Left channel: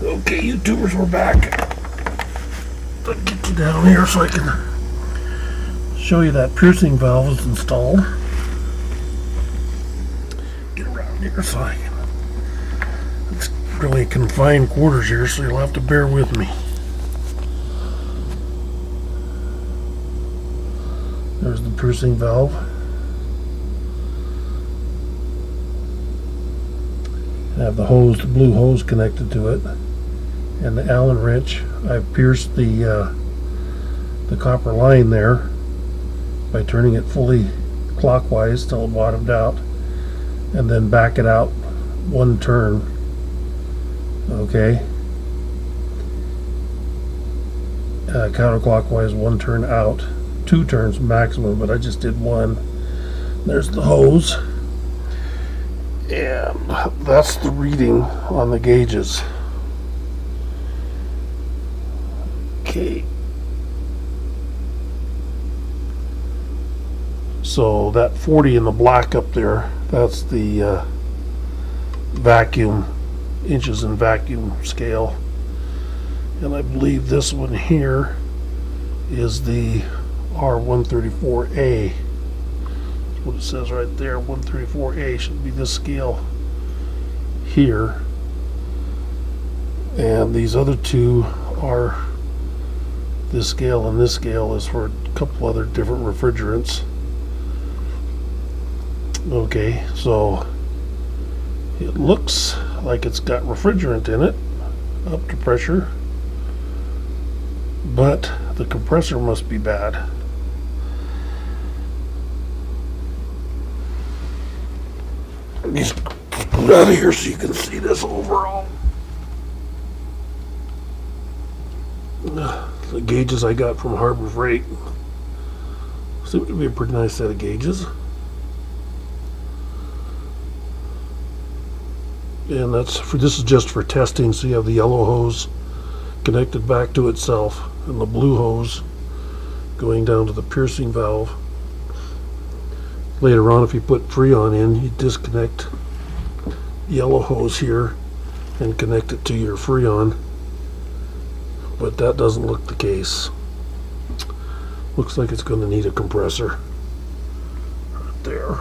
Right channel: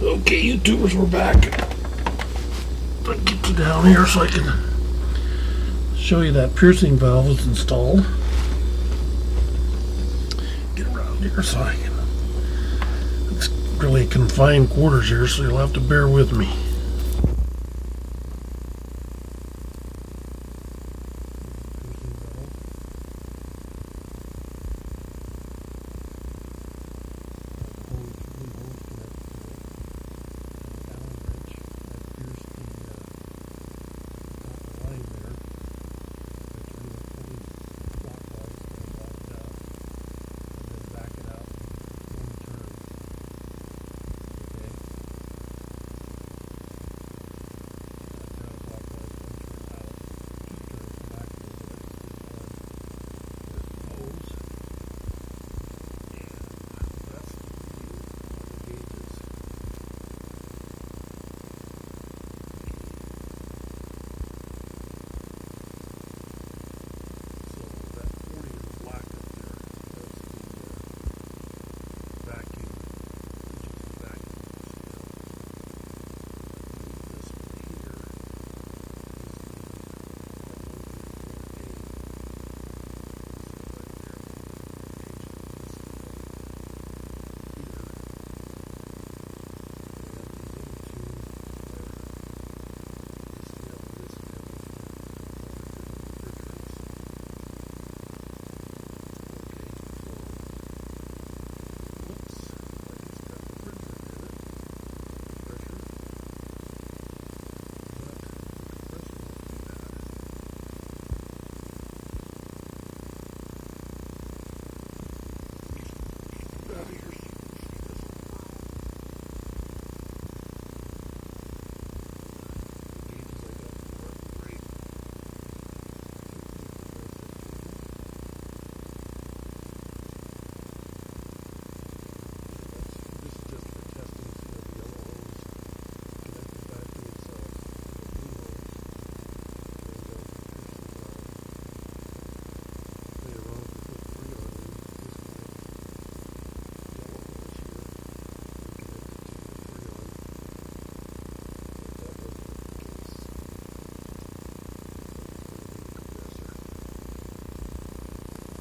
Okay, YouTubers, we're back. I'll get you down here so I can show you that piercing valve is installed. Get around here so I can. It's really confined quarters here, so you'll have to bear with me. There's the piercing valve. I have the hose, the blue hose connected to it, and the Allen wrench. I've pierced the copper line there by turning it fully clockwise till it bottomed out, and then back it out one turn. Okay, counterclockwise one turn out, 2 turns maximum, but I just did one. There's the hose. And that's the reading on the gauges. Okay. So that 40 in the black up there, that's the vacuum, inches in vacuum scale. And I believe this one here is the R134A. What it says right there, 134A should be this scale here, and these other two are this scale, and this scale is for a couple other different refrigerants. Okay, so it looks like it's got refrigerant in it up to pressure, but the compressor must be bad. Just put out of here so you can see this overall. The gauges I got from Harbor Freight seem to be a pretty nice set of gauges. And this is just for testing, so you have the yellow hose connected back to itself and the blue hose going down to the piercing valve. Later on, if you put Freon in, you disconnect yellow hose here and connect it to your Freon, but that doesn't look the case. Looks like it's going to need a compressor right there.